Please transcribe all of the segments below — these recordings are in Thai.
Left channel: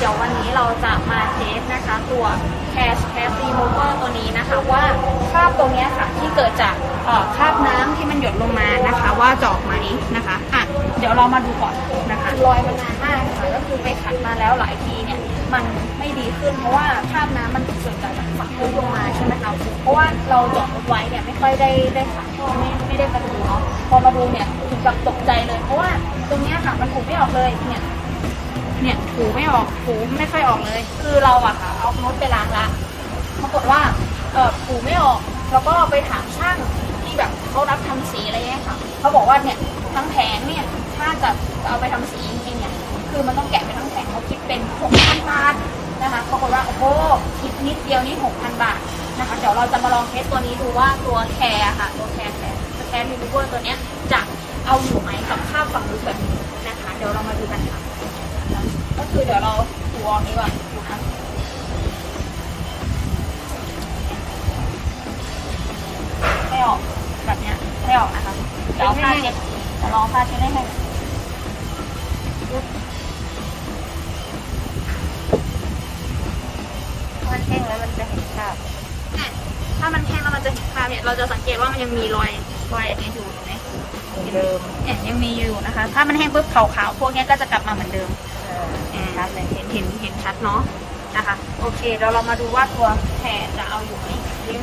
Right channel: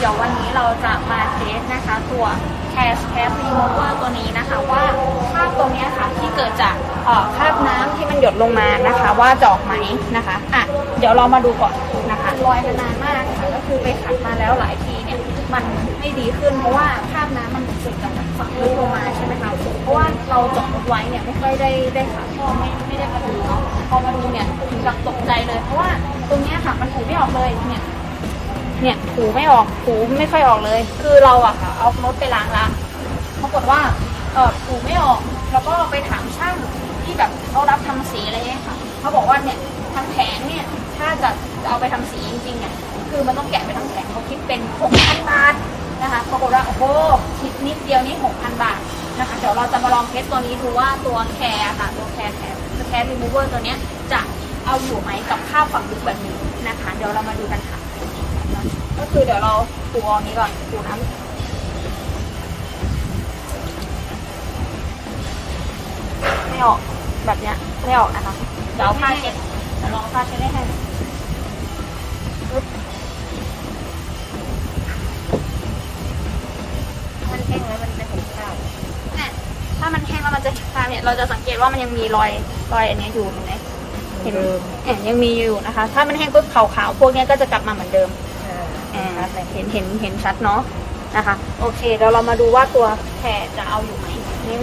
เดี๋ยววันนี้เราจะมาเทสนะคะตัว Cash Cash Remover ตัวนี้นะคะ ว่าคราบตรงนี้ค่ะที่เกิดจากคราบน้ำที่มันหยดลงมานะคะ ว่าจะออกไหมนะคะอะเดี๋ยวเรามาดูก่อนนะคะรอยมันานมากค่ะ ก็คือไปขัดมาแล้วหลายทีเนี่ยมันไม่ดีขึ้นเพราะว่าคราบน้ำมันเกิดจากฝั่งลึกลงมาใช่ไหมคะเพราะว่าเราจอดรถไว้เนี่ยไม่ค่อยได้ได้ขัดไม่ไม่ได้มาดูเนาะพอมาดูเนี่ยถึงกับตกใจเลย เพราะว่าตรงนี้ค่ะมันถูไม่ออกเลยเนี่ย เนี่ยถูไม่ออกถูไม่ค่อยออกเลย คือเราอะค่ะเอารถไปล้างละปรากฏว่าเออถูไม่ออก แล้วก็ไปถามช่างที่แบบเขารับทำสีอะไรเงี้ยค่ะเขาบอกว่าเนี่ยทั้งแผงเนี่ยถ้าจะจะเอาไปทำสีจริงๆเนี่ยคือมันต้องแกะไปทั้งแผงเขาคิดเป็นหกพันบาทนะคะปรากฏว่าโอ้โหคิดนิดเดียวนี่หกพันบาทนะคะเดี๋ยวเราจะมาลองเทสตัวนี้ดูว่าตัวแคร์ค่ะ ตัวแคร์แคร์แคร์รีมูเวอร์ตัวเนี้ยจะเอาอยู่ไหมกับค่าฝั่งลึกแบบนี้นะคะ เดี๋ยวเรามาดูกันค่ะ ก็คือเดี๋ยวเราปูอันนี้ก่อนปูน้ำไม่ออกแบบเนี้ยไม่ออกนะคะเดี๋ยวเอาผ้าเช็ดเดี๋ยวเราเอาผ้าเช็ดให้แห้งปึ๊บมันแห้งแล้วมันจะเห็นข้าวถ้ามันแห้งแล้วมันจะคาเนี่ยเราจะสังเกตว่ามันยังมีรอยรอยอันนี้อยู่เห็นไหมเหมือนเดิมเห็นยังมีอยู่นะคะ ถ้ามันแห้งปุ๊บขาวๆพวกนี้ก็จะกลับมาเหมือนเดิม อ่านะครับเห็นเห็นเห็นชัดเนาะนะคะโอเคเดี๋ยวเรามาดูว่าตัวแผลจะเอาอยู่ไหมนี่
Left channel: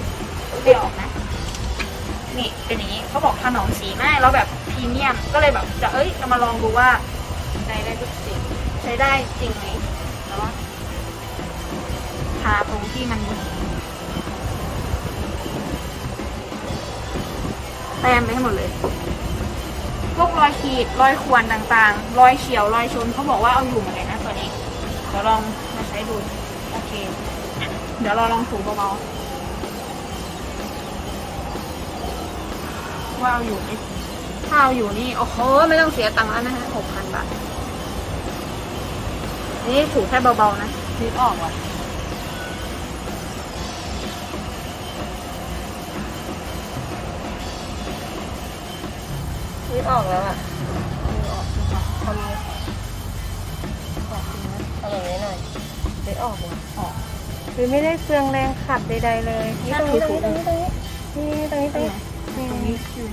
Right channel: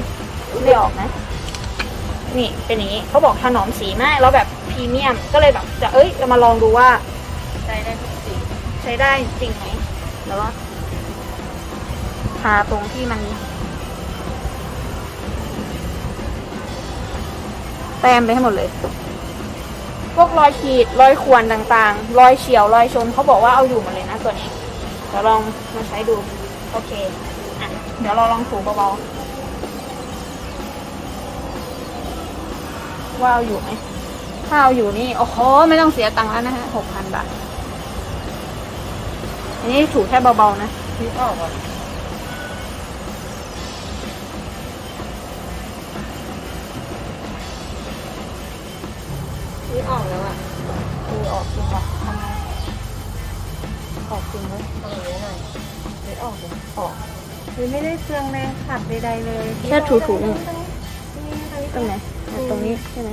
ไม่ออกนะนี่เป็นอย่างนี้เขาบอกถนอมสีมากแล้วแบบพรีเมียมก็เลยแบบจะเอ้ยเรามาลองดูว่าใช้ได้ทุกสิ่งใช้ได้จริงไหมแล้วว่าทาตรงที่มันแต้มไปให้หมดเลย พวกรอยขีดรอยข่วนต่างๆ รอยเฉียวรอยชนเขาบอกว่าเอาอยู่หมดเลยนะตัวนี้เดี๋ยวลองมาใช้ดู โอเคอะเดี๋ยวเราลองถูเบาๆว่าเอาอยู่ไหมถ้าเอาอยู่นี่โอ้โหไม่ต้องเสียตังค์แล้วนะฮะหกพันบาทนนี้ถูแค่เบาๆนะนึกออกว่ะ ออกแล้วอะนึกออกนะคะทำออกจริงไหมทำอย่างนี้หน่อยนึกออกเลยออกคือไม่ได้เฟืองแรงขัดใดๆเลยแค่ถูๆตรงนี้ตรงนี้นี่ตรงนี้ตรงไหนตรงนี้ใช่ไหม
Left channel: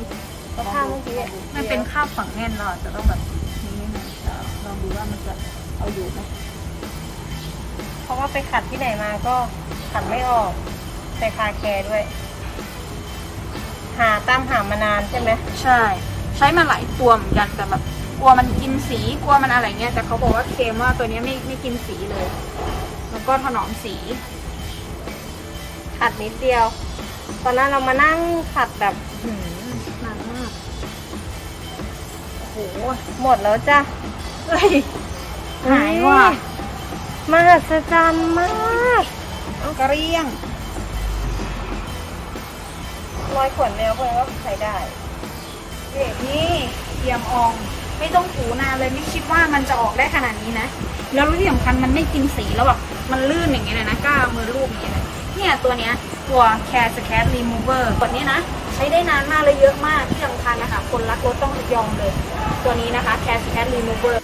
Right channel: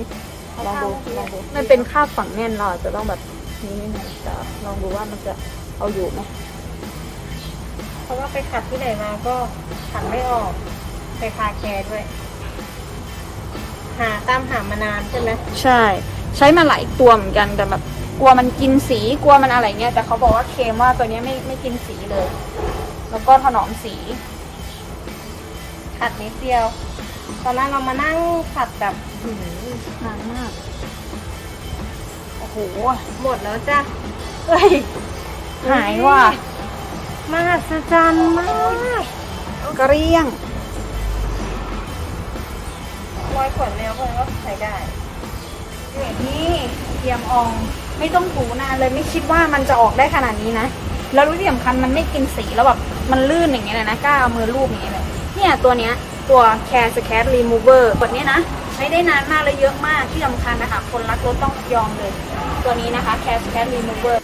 เขาข้ามเมื่อกี้มันเป็นคราบฝังแน่นเราอาจะต้องแบบนี้นิดนึงแต่ลองดูว่ามันจะเอาอยู่ไหมเพราะว่าไปขัดที่ไหนมาก็ขัดไม่ออกใส่คาแคร์ด้วย หาตามหามานานใช่ไหมใช่ ใช้มาหลายตัวเหมือนกันแต่แบบกลัวมันกินสีกลัวมันอะไรเงี้ยแต่เขาบอกว่าเคมว่าตัวนี้ไม่ไม่กินสีเลย แล้วก็ถนอมสี ขัดนิดเดียว ตอนนั้นเรามานั่งขัดแบบหืมอืมโอ้โหหมดแล้วจ้ะเฮ้ยหายว่ะมหัศจรรย์มากเกลี้ยงรอยขนเนี่ยเพราะว่าใช้ได้ นี่เตรียมออง ไม่ต้องถูนานเลยไม่คิดว่ามันจะออกได้ขนาดนี้นะ แล้วที่สำคัญมันไม่กินสีแล้วแบบมันลื่นอย่างเงี้ยนะกล้าเอามือลูบอย่างเงี้ยเลยเนี่ยตัวเนี้ยตัว Care Scat Remover แบบเนี้ยนะ ใช้ได้นานมากเลยเยอะมากที่สำคัญนะคะ คนรักรถต้องยอมเลย ตัวนี้นะคะ Care Scat Remover